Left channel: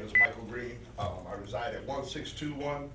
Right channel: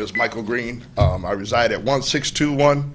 is Michael Green. I reside at 1621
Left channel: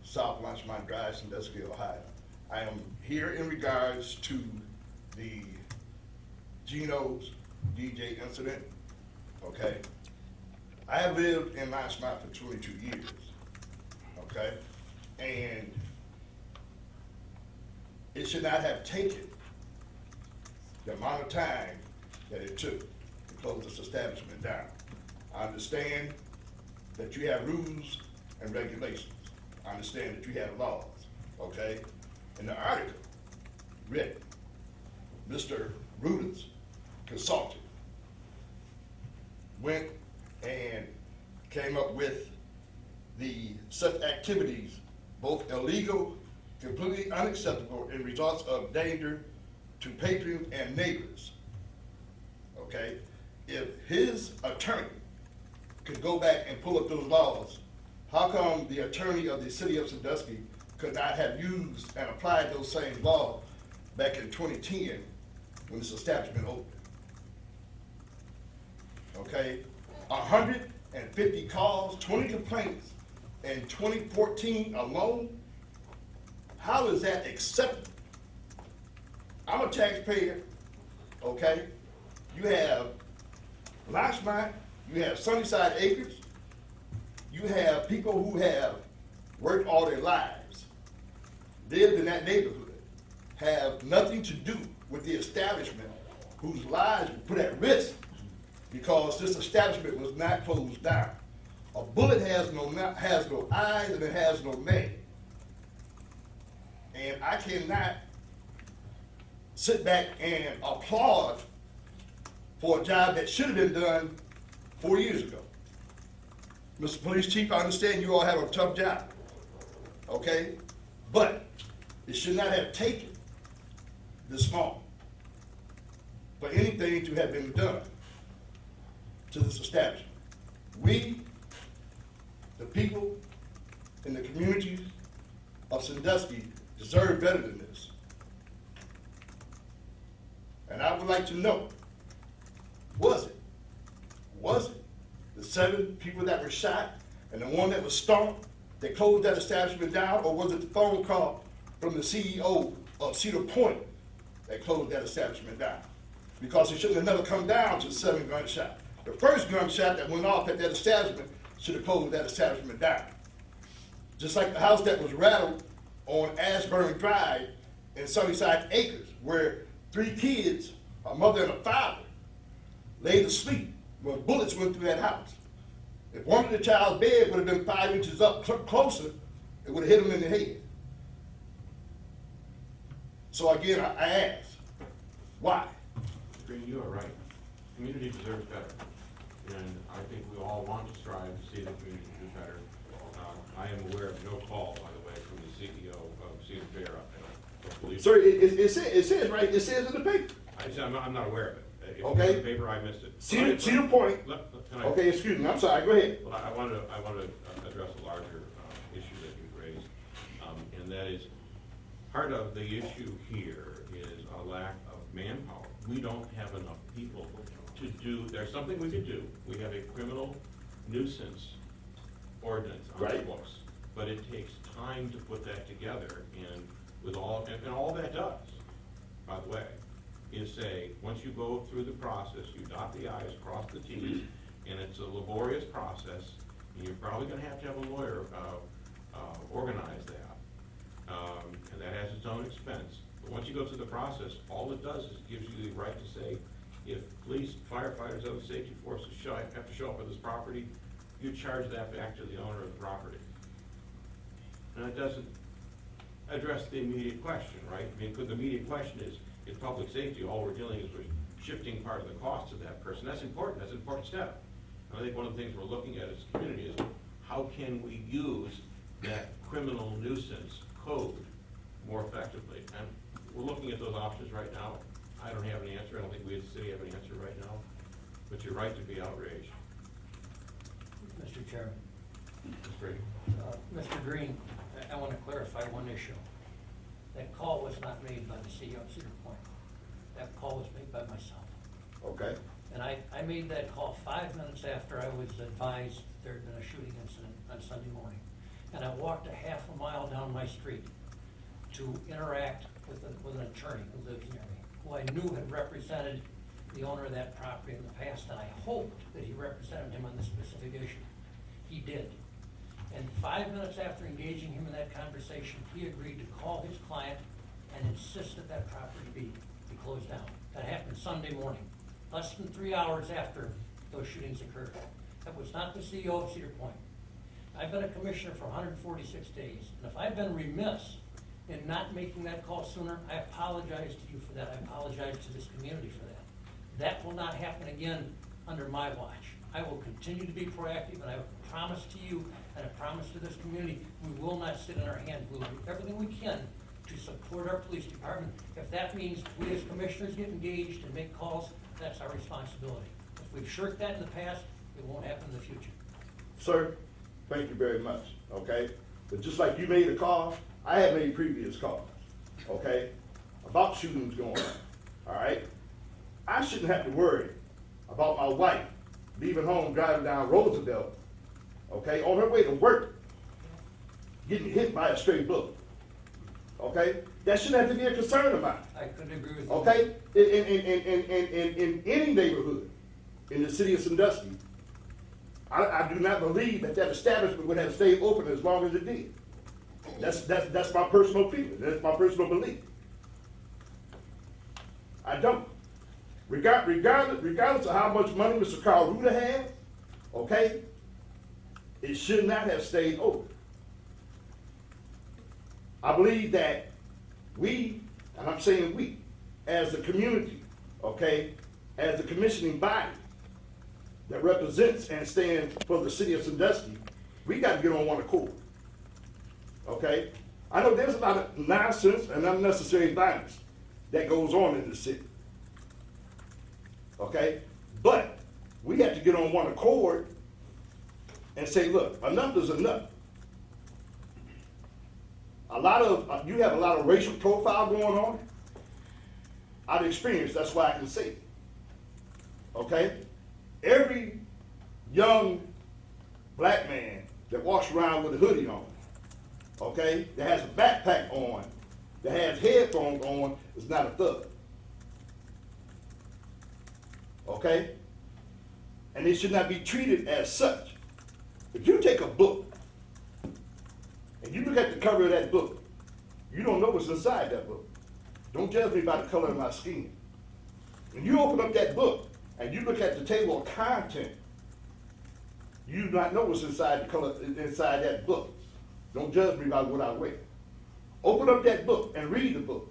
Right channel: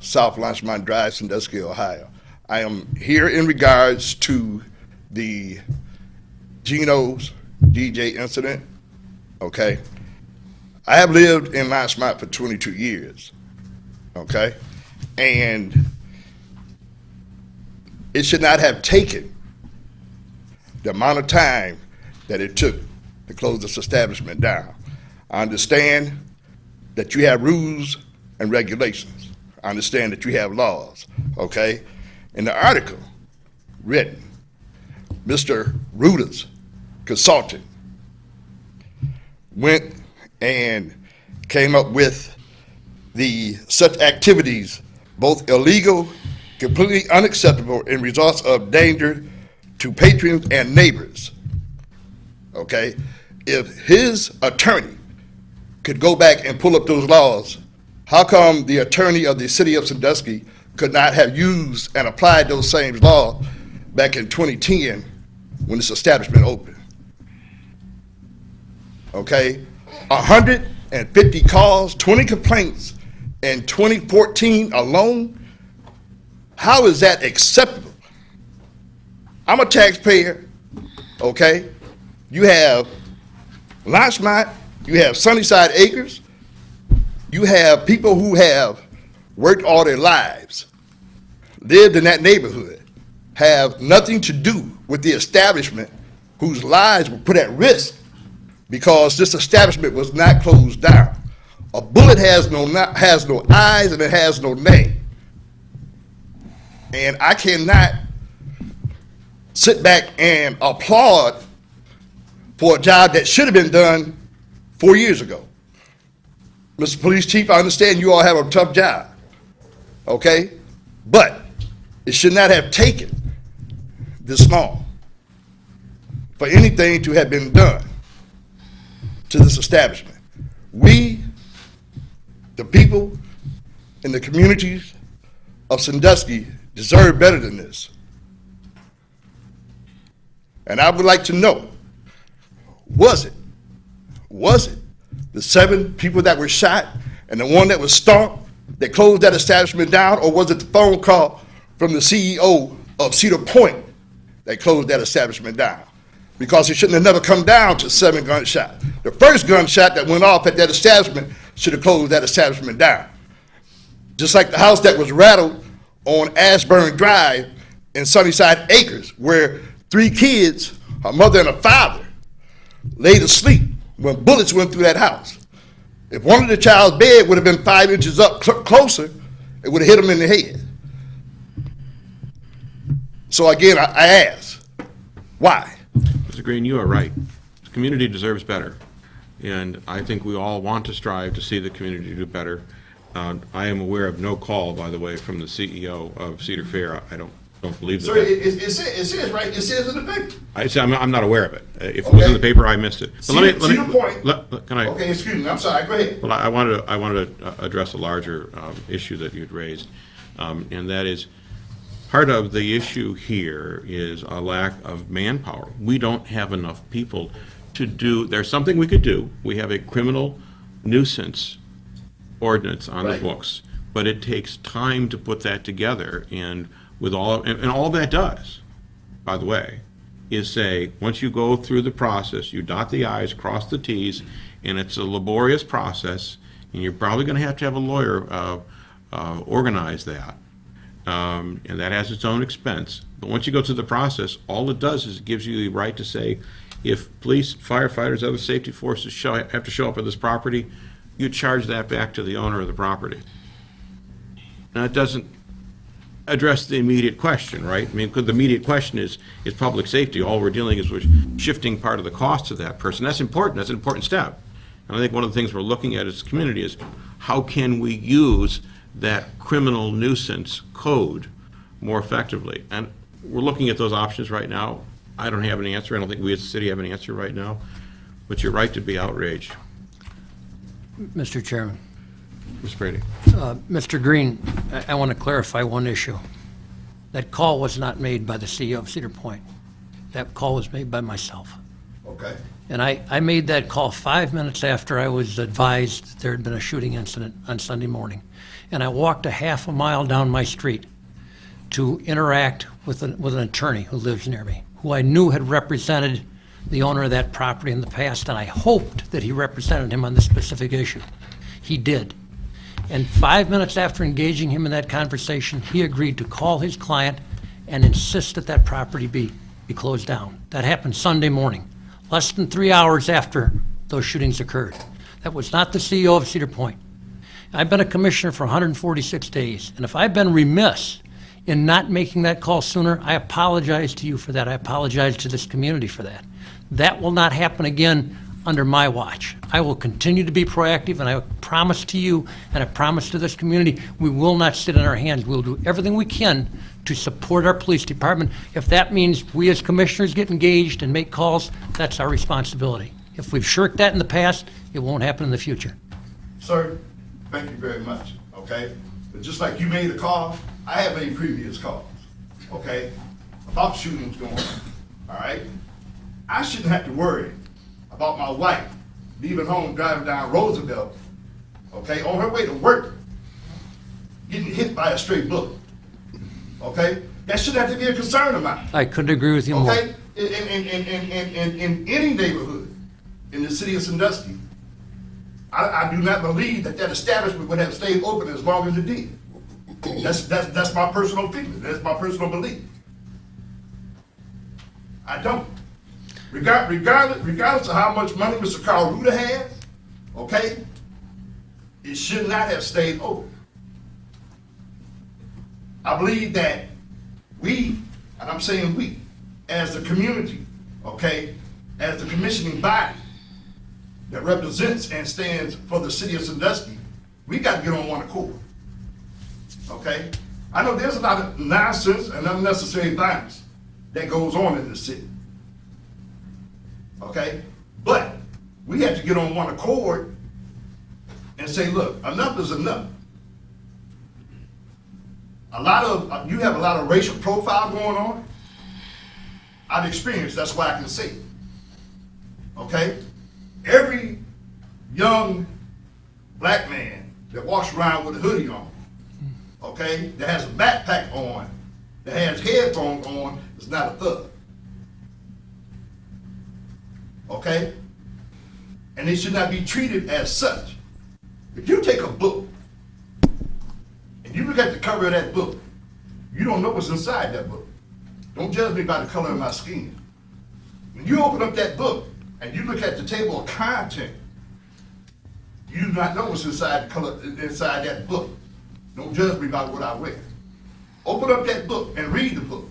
South Lunchmont Drive, Sandusky, Ohio. I am here in regards to the Geno's DJ incident, okay? I have lived in Lunchmont for 22 years, okay? And it should not have taken the amount of time that it took to close this establishment down. I understand that you have rules and regulations. I understand that you have laws, okay? In the article written, Mr. Ruta's consultant went and came up with such activities, both illegal, completely unacceptable, and results of danger to patrons and neighbors, okay? If his attorney could go back and pull up those laws, how come the attorney of the city of Sandusky could not have used and applied those same laws back in 2010 when this establishment opened? Okay, 150 calls, 20 complaints in 2014 alone. How is that acceptable? I'm a taxpayer, okay? You have Lunchmont, you have Sunnyside Acres, you have people who have worked all their lives, lived in that neighborhood, have nothing to do with the establishment, whose lives were put at risk because this establishment was not closed down. A bullet has no eyes and it has no name. And I cannot sit back and applaud for a job that should have been done 4 years ago. Mr. Police Chief, I understand you all have a tough job, okay? But it should not have taken this long for anything to have been done to this establishment. We, the people in the communities of Sandusky, deserve better than this. And I would like to know, was it the 7 people that were shot and the one that was stomped that closed that establishment down, or was it the phone call from the CEO of Cedar Point that closed that establishment down? Because it shouldn't have never come down to 7 gunshots. The first gunshot that went off at that establishment should have closed that establishment down. Just like the house that was rattled on Ashburn Drive in Sunnyside Acres, where 3 kids, a mother and a father, laid asleep when bullets went through that house. If one of the child's bed would have been 5 inches up closer, it would have hit him in the head. So again, I ask, why? Mr. Green, you are right. The community deserves better. And I think we all want to strive to see the community do better. I am aware of no call, by the way, from the CEO of Cedar Fair. I don't believe that. Sir, it says right, it says in the paper. I'm not aware of it. If it was in the paper, I missed it. But Cedar Point. Can I? Okay, excuse me, I'm sorry, go ahead. Well, I wanted to address a larger issue that you'd raised, and that is, part of the issue here is a lack of manpower. We don't have enough people to do, there's something we could do. We have a criminal nuisance ordinance on the books, but it takes time to put that together, and with all that does, by the way, is say, once you go through the process, you dot the I's, cross the T's, and it's a laborious process, and you're probably going to have a lawyer organize that. And that has its own expense. But once you go through the process, all it does is it gives you the right to say, if police, firefighters, other safety forces have to show up at this property, you charge that back to the owner of the property. Now, it doesn't address the immediate question, right? I mean, because the immediate question is public safety. All we're dealing is with shifting part of the cost to that person. That's important. That's an important step. And I think one of the things we're looking at as a community is how can we use that criminal nuisance code more effectively? And we're looking at those options right now. I don't have an answer. I don't think we as a city have an answer right now. But you're right to be outraged. Mr. Chairman. Ms. Brady. Mr. Green, I want to clarify one issue. That call was not made by the CEO of Cedar Point. That call was made by myself. Okay. And I made that call 5 minutes after I was advised that there had been a shooting incident on Sunday morning. And I walked a half a mile down my street to interact with an attorney who lives near me, who I knew had represented the owner of that property in the past, and I hoped that he represented him on this specific issue. He did. And 5 minutes after engaging him in that conversation, he agreed to call his client and insist that that property be closed down. That happened Sunday morning, less than 3 hours after those shootings occurred. That was not the CEO of Cedar Point. I've been a commissioner for 146 days, and if I've been remiss in not making that call sooner, I apologize to you for that. I apologize to this community for that. That will not happen again under my watch. I will continue to be proactive, and I promise to you, and I promise to this community, we will not sit on our hands. We'll do everything we can to support our police department. If that means we as commissioners get engaged and make calls, that's our responsibility. If we've shirked that in the past, it won't happen in the future. Sir, thank you very much, okay? But just like you made a call, I have made previous calls, okay? About shootings going on, all right? I shouldn't have to worry about my wife leaving home, driving down Roosevelt, okay, on her way to work, getting hit by a stray bullet, okay? That shouldn't have to be a concern of mine. I couldn't agree with you more. Okay, in any neighborhood in the city of Sandusky, I do not believe that establishment would have stayed open as long as it did. That's my personal opinion, that's my personal belief. I don't. Regardless of how much money Mr. Carl Ruder has, okay, it should not have stayed open. I believe that we, and I'm saying we, as the community, okay, as the commissioning body that represents and stands for the city of Sandusky, we got to get on one accord, okay? I know there's a lot of nonsense and unnecessary violence that goes on in the city, okay? But we have to get on one accord and say, look, enough is enough. You have a lot of racial profile going on. I've experienced, that's why I can say it. Okay? Every young black man that walks around with a hoodie on, okay, that has a backpack on, that has headphones on, is not a thug. Okay? And they should not be treated as such. If you take a book and you look at the cover of that book, you don't know what's inside that book. Don't judge me by the color of my skin. When you open up that book and you look at the table of content, you do not know what's inside that book. Don't judge me by what I wear. Open up that book and read the book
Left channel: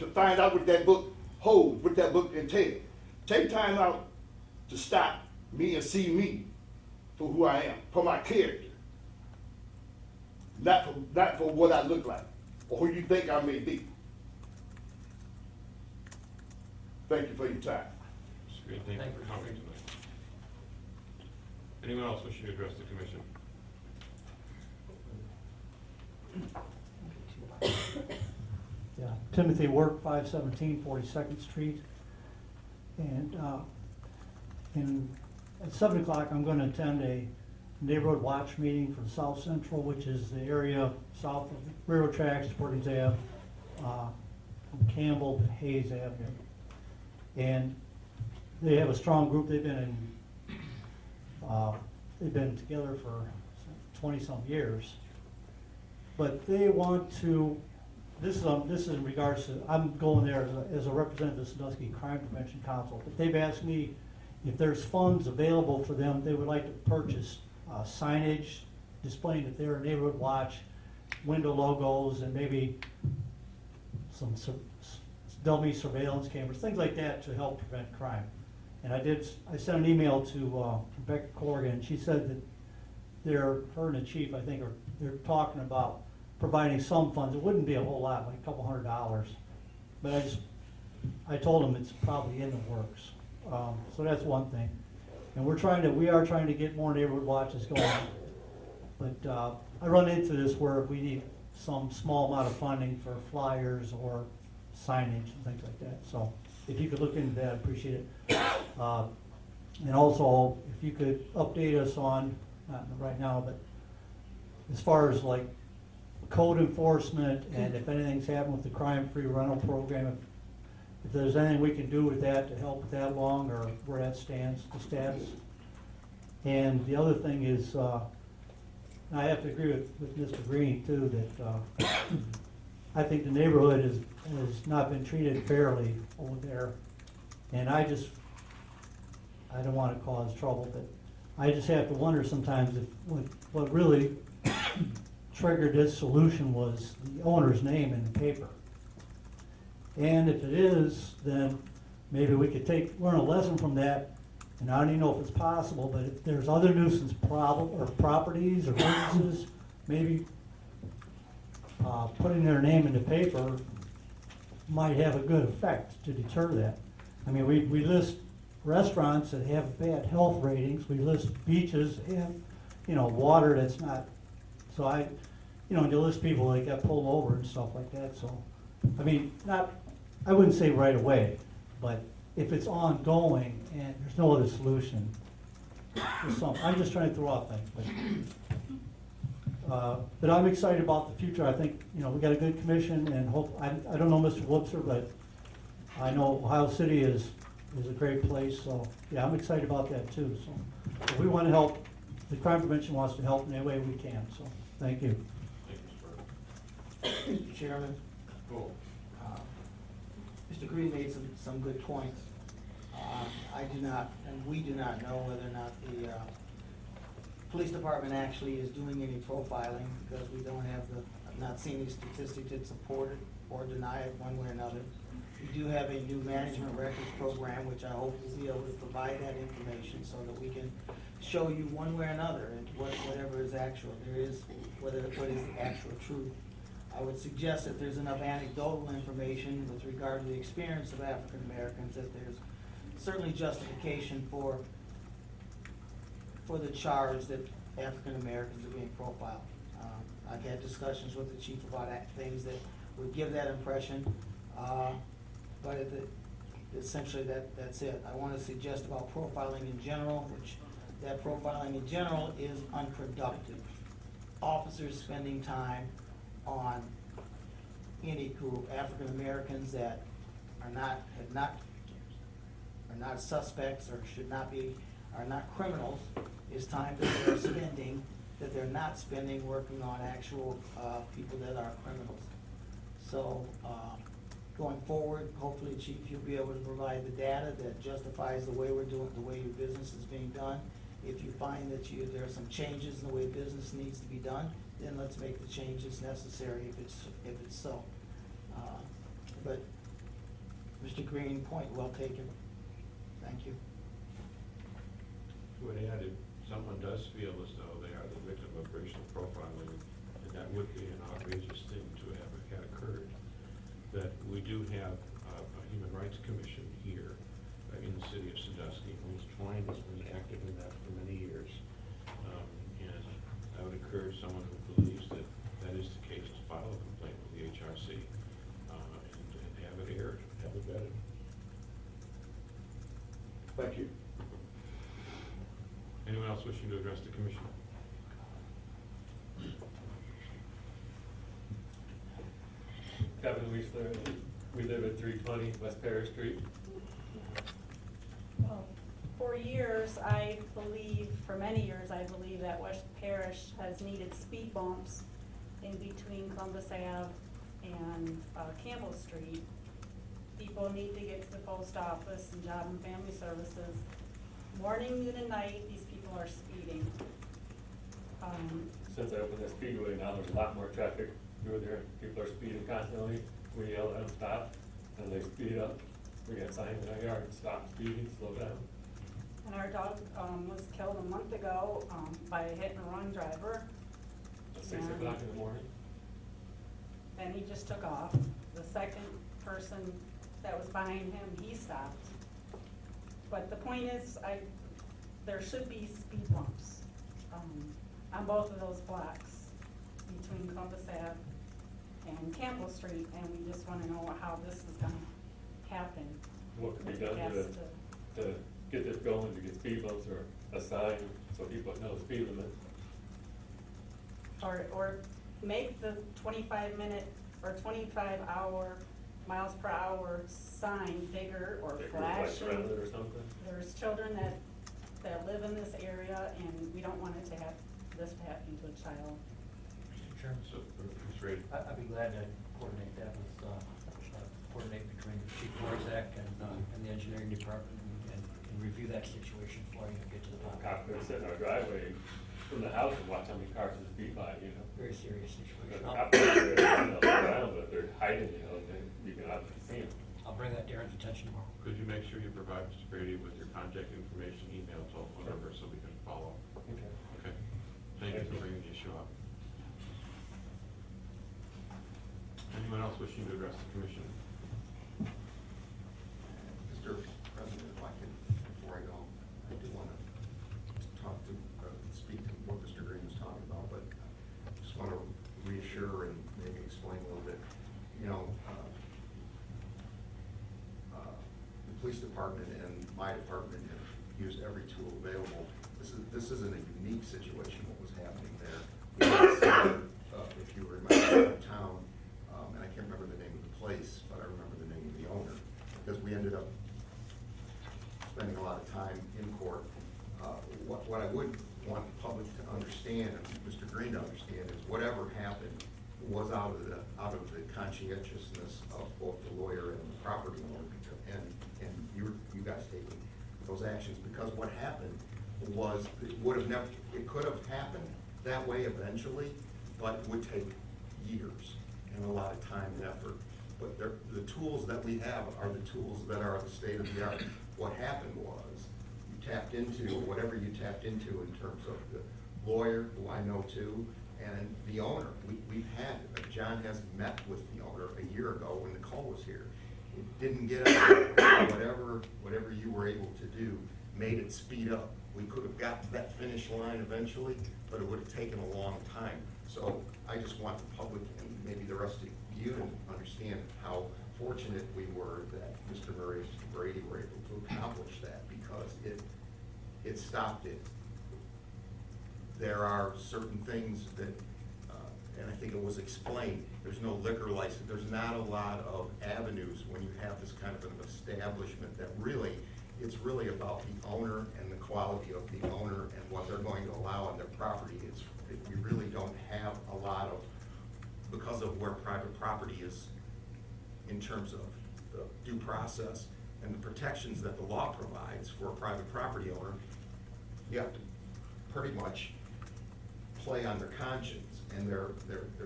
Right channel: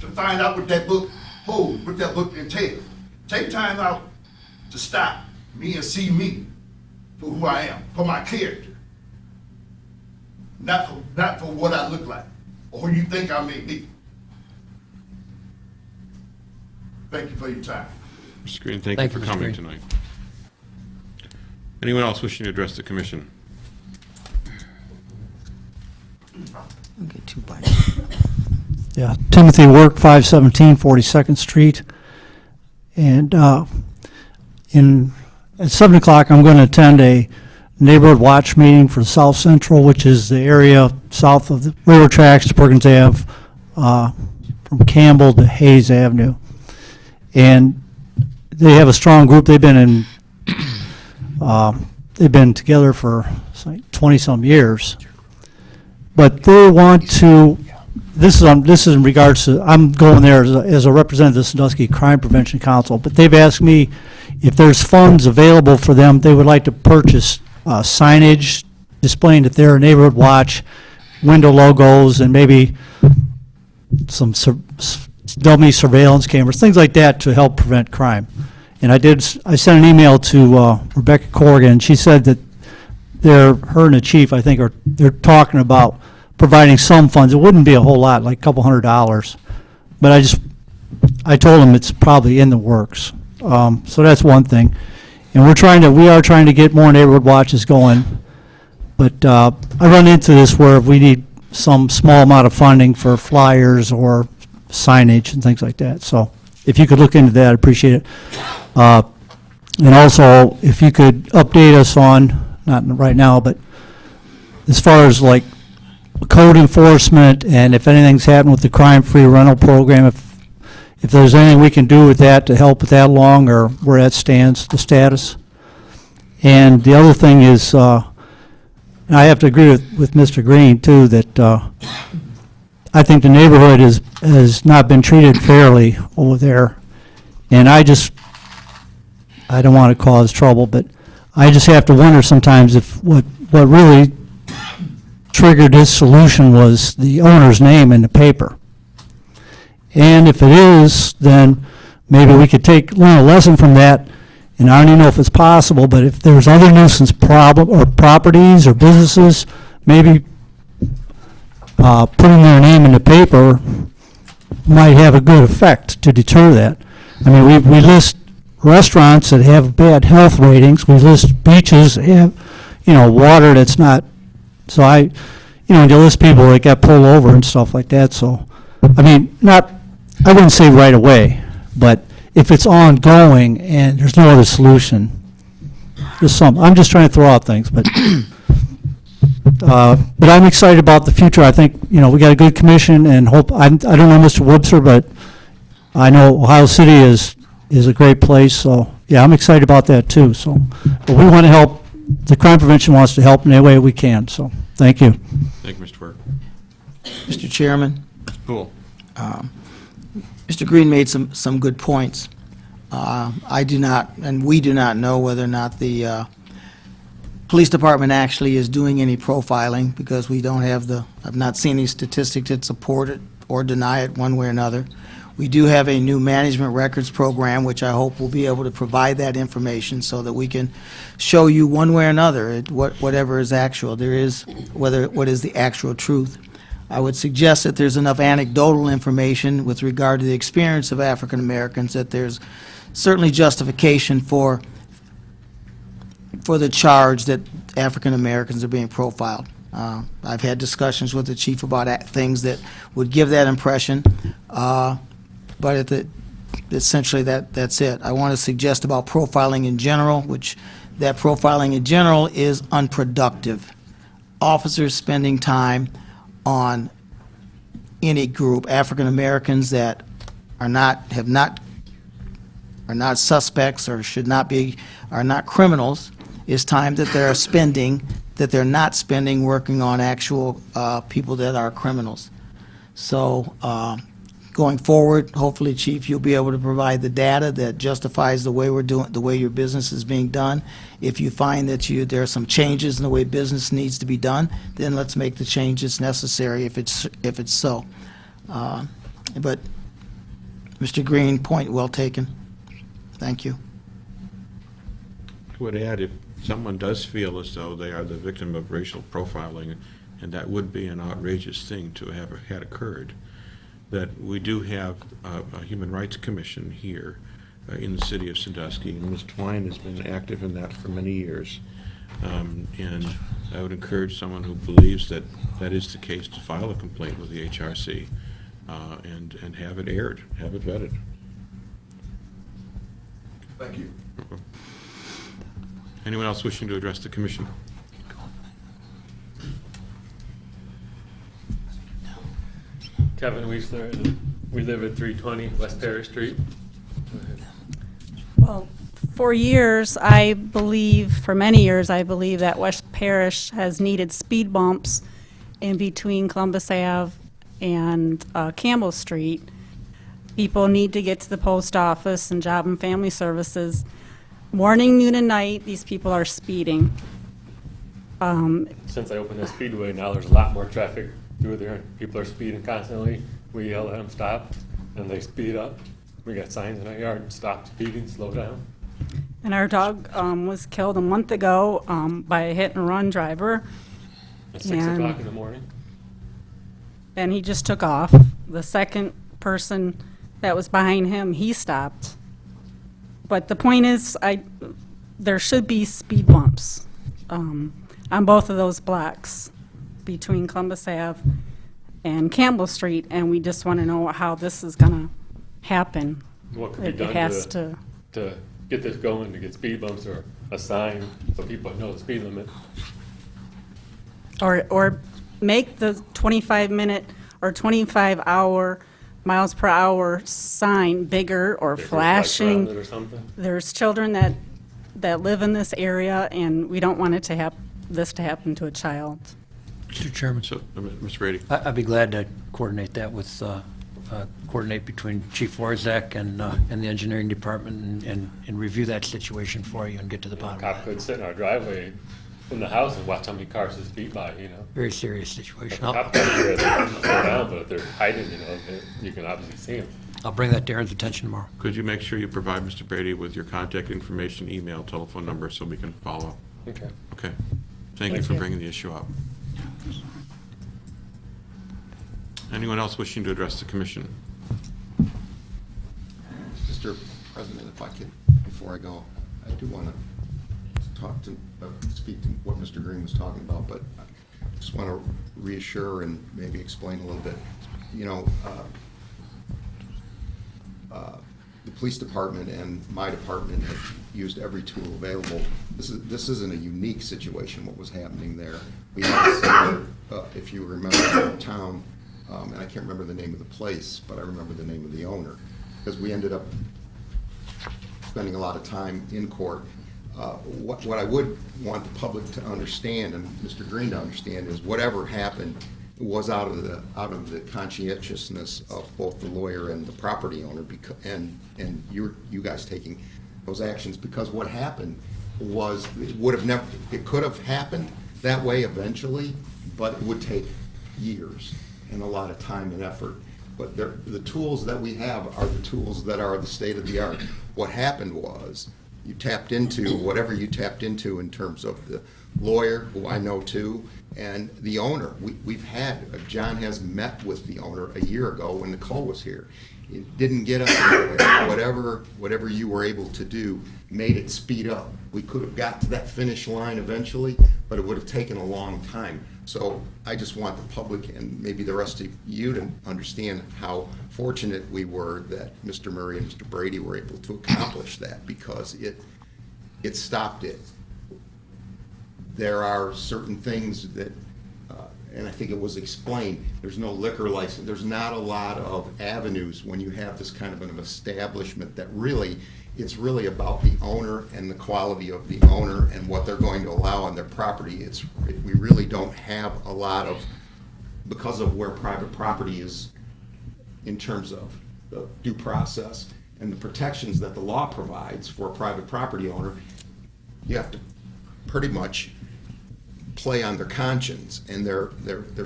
to find out what that book holds, what that book entails. Take time out to stop me and see me for who I am, for my character. Not for what I look like or who you think I may be. Thank you for your time. Mr. Green, thank you for Mr. coming Green. tonight. Anyone else wishing to address the commission? Okay, 2 bites. Yeah, Timothy Work, 517 42nd Street. And at 7 o'clock, I'm going to attend a neighborhood watch meeting for South Central, which is the area south of the railroad tracks to Perkins Ave, from Campbell to Hayes Avenue. And they have a strong group. They've been together for 20-some years. But they want to, this is in regards to, I'm going there as a representative of the Sandusky Crime Prevention Council, but they've asked me if there's funds available for them, they would like to purchase signage displaying that they're a neighborhood watch, window logos, and maybe some dummy surveillance cameras, things like that to help prevent crime. And I sent an email to Rebecca Corrigan. She said that her and the chief, I think, they're talking about providing some funds. It wouldn't be a whole lot, like a couple $100. But I told them it's probably in the works. So that's one thing. And we are trying to get more neighborhood watches going. But I run into this where we need some small amount of funding for flyers or signage and things like that. So if you could look into that, I'd appreciate it. And also, if you could update us on, not right now, but as far as like code enforcement and if anything's happened with the crime-free rental program, if there's anything we can do with that to help with that along, or where that stands, the status. And the other thing is, and I have to agree with Mr. Green too, that I think the neighborhood has not been treated fairly over there. And I don't want to cause trouble, but I just have to wonder sometimes if what really triggered this solution was the owner's name in the paper. And if it is, then maybe we could learn a lesson from that. And I don't even know if it's possible, but if there's other nuisance problem or properties or businesses, maybe putting their name in the paper might have a good effect to deter that. I mean, we list restaurants that have bad health ratings. We list beaches that have, water that's not. So you list people that got pulled over and stuff like that. So, I mean, I wouldn't say right away, but if it's ongoing and there's no other solution, I'm just trying to throw out things, but I'm excited about the future. I think, we got a good commission and hope, I don't know Mr. Webster, but I know Ohio City is a great place, so, yeah, I'm excited about that too, so. But we want to help, the crime prevention wants to help in any way we can, so, thank you. Thank you, Mr. Burke. Mr. Chairman, Mr. Poole. Mr. Green made some good points. I do not, and we do not know whether or not the police department actually is doing any profiling, because we don't have I've not seen any statistics that support it or deny it one way or another. We do have a new management records program, which I hope will be able to provide that information so that we can show you one way or another whatever is actual. What is the actual truth. I would suggest that there's enough anecdotal information with regard to the experience of African Americans that there's certainly justification for the charge that African Americans are being profiled. I've had discussions with the chief about things that would give that impression, but essentially that's it. I want to suggest about profiling in general, which that profiling in general is unproductive. Officers spending time on any group, African Americans that are not suspects or are not criminals, is time that they're not spending working on actual people that are criminals. So going forward, hopefully, Chief, you'll be able to provide the data that justifies the way your business is being done. If you find that there are some changes in the way business needs to be done, then let's make the changes necessary if it's so. But Mr. Green, point well taken. Thank you. I would add, if someone does feel as though they are the victim of racial profiling, and that would be an outrageous thing to have had occurred, that we do have a Human Rights Commission here in the city of Sandusky, and Ms. Twine has been active in that for many years. And I would encourage someone who believes that that is the case to file a complaint with the HRC and have it aired, have it vetted. Thank you. Anyone else wishing to address the commission? Kevin Weisler, and we live at 320 West Parish Street. Well, for many years, I believe that West Parish has needed speed bumps in between Columbus Ave and Campbell Street. People need to get to the post office and Job and Family Services. Morning, noon, and night, these people are speeding. Since I opened the speedway, now there's a lot more traffic through there. People are speeding constantly. We yell at them, stop, and they speed up. We got signs in our yard, stop speeding, slow down. And our dog was killed a month ago by a hit-and-run driver. At 6 o'clock in the morning. And he just took off. The second person that was behind him, he stopped. But the point is, there should be speed bumps on both of those blocks between Columbus Ave and Campbell Street, and we just want to know how this is going to happen. What could be It done has to, to get this going, to get speed bumps or a sign so people know the speed limit? or make the 25-minute or 25-hour miles per hour sign bigger or If there's lights flashing. around it or something? There's children that live in this area, and we don't want it to this to happen to a child. Mr. Chairman, So, Mr. Brady? I'd be glad to coordinate that with, coordinate between Chief Orzech and the engineering department and review that situation for you and get to the bottom Cop of could it. sit in our driveway from the house and watch how many cars just beat by, you know? Very serious situation. Cop could be there to slow down, but if they're hiding, you know, then you can obviously see them. I'll bring that to Aaron's attention tomorrow. Could you make sure you provide Mr. Brady with your contact information, email, telephone number, so we can follow up? Okay. Okay. Thank you for bringing the issue up. Anyone else wishing to address the commission? Mr. President, if I could, before I go, I do want to talk to, speak to what Mr. Green was talking about, but I just want to reassure and maybe explain a little bit. You know, the police department and my department have used every tool available. This isn't a unique situation, what was happening there. We had a similar, if you remember, in town, and I can't remember the name of the place, but I remember the name of the owner, because we ended up spending a lot of time in court. What I would want the public to understand, and Mr. Green to understand, is whatever happened was out of the conscientiousness of both the lawyer and the property owner, and you guys taking those actions, because what happened was, it could have happened that way eventually, but it would take years and a lot of time and effort. But the tools that we have are the tools that are the state of the art. What happened was, you tapped into whatever you tapped into in terms of the lawyer, who I know too, and the owner. John has met with the owner a year ago when Nicole was here. It didn't get us anywhere. Whatever you were able to do made it speed up. We could have got to that finish line eventually, but it would have taken a long time. So I just want the public and maybe the rest of you to understand how fortunate we were that Mr. Murray and Mr. Brady were able to accomplish that, because it stopped it. There are certain things that, and I think it was explained, there's no liquor license, there's not a lot of avenues when you have this kind of an establishment that really, it's really about the owner and the quality of the owner and what they're going to allow on their property. We really don't have a lot of, because of where private property is in terms of the due process and the protections that the law provides for a private property owner, you have to pretty much play on their conscience and their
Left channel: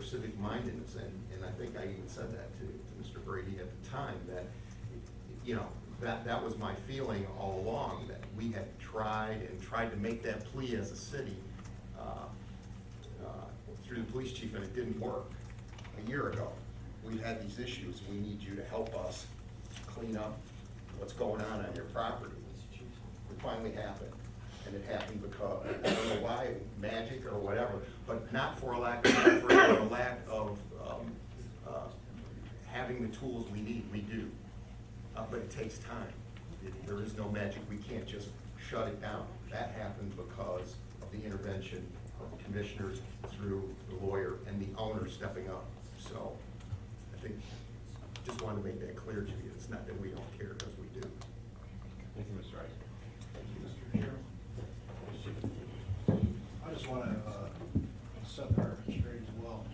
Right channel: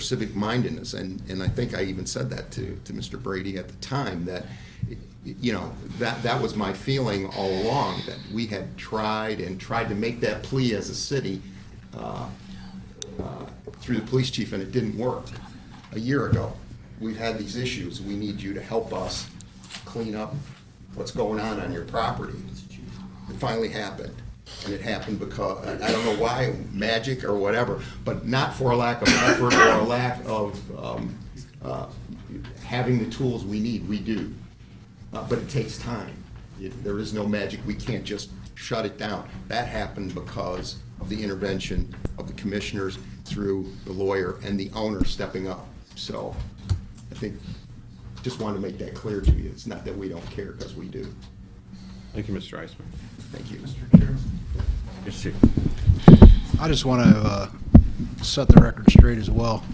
civic mindedness. And I think I even said that to Mr. Brady at the time, that, you know, that was my feeling all along, that we had tried to make that plea as a city through the police chief, and it didn't work. A year ago, we've had these issues. We need you to help us clean up what's going on your property. It finally happened. And it happened because, I don't know why, magic or whatever, but not for a lack of effort or a lack of having the tools we need. We do. But it takes time. There is no magic. We can't just shut it down. That happened because of the intervention of the commissioners through the lawyer and the owner stepping up. So I think, just wanted to make that clear to you. It's not that we don't care, because we do. Thank you, Mr. Eisman. Thank you, Mr. Chairman. Yes, Chief. I just want to set the record straight as well.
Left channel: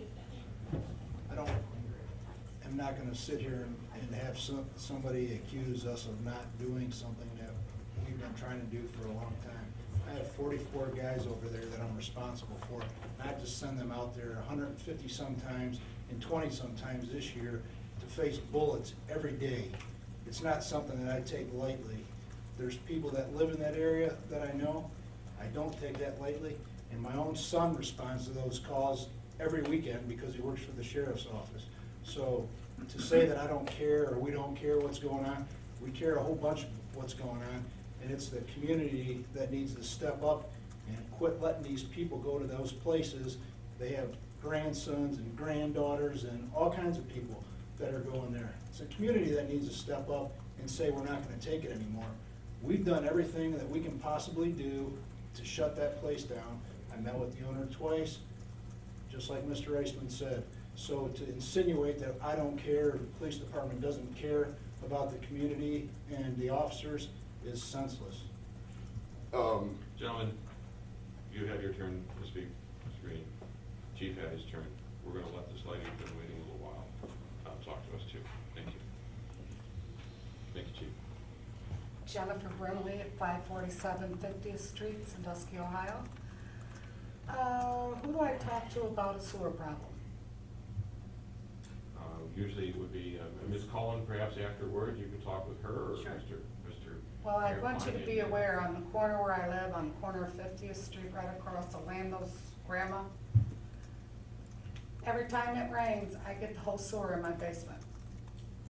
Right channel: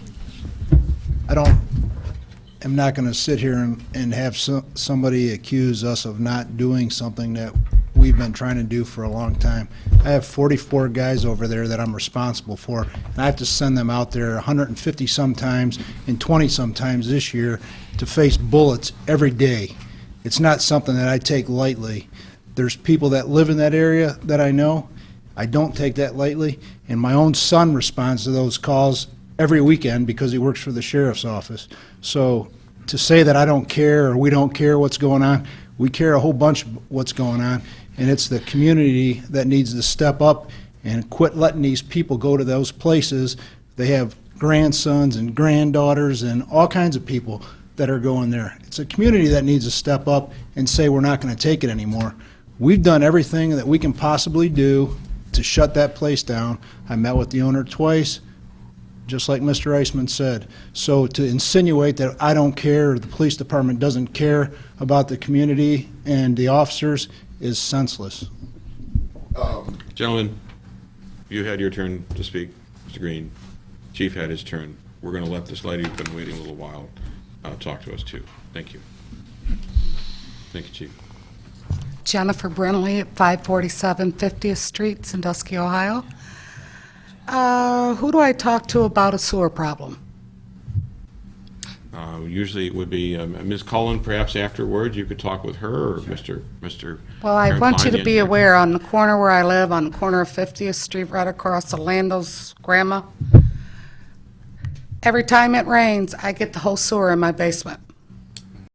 I'm not going to sit here and have somebody accuse us of not doing something that we've been trying to do for a long time. I have 44 guys over there that I'm responsible for, and I have to send them out there 150 sometimes and 20 sometimes this year to face bullets every day. It's not something that I take lightly. There's people that live in that area that I know. I don't take that lightly, and my own son responds to those calls every weekend because he works for the sheriff's office. So to say that I don't care or we don't care what's going on, we care a whole bunch what's going on, and it's the community that needs to step up and quit letting these people go to those places. They have grandsons and granddaughters and all kinds of people that are going there. It's a community that needs to step up and say, we're not going to take it anymore. We've done everything that we can possibly do to shut that place down. I met with the owner twice, just like Mr. Eisman said. So to insinuate that I don't care, or the police department doesn't care about the community and the officers is senseless. Gentlemen, you had your turn to speak, Mr. Green. Chief had his turn. We're going to let this lady who's been waiting a little while talk to us too. Thank you. Thank you, Chief. Jennifer Brinley at 547 50th Street, Sandusky, Ohio. Who do I talk to about a sewer problem? Usually it would be Ms. Cullen, perhaps afterwards. You could talk with her or Mr. Well, I want you to Carantoni, be and- aware, on the corner where I live, on the corner of 50th Street, right across the Lando's grandma, every time it rains, I get the whole sewer in my basement.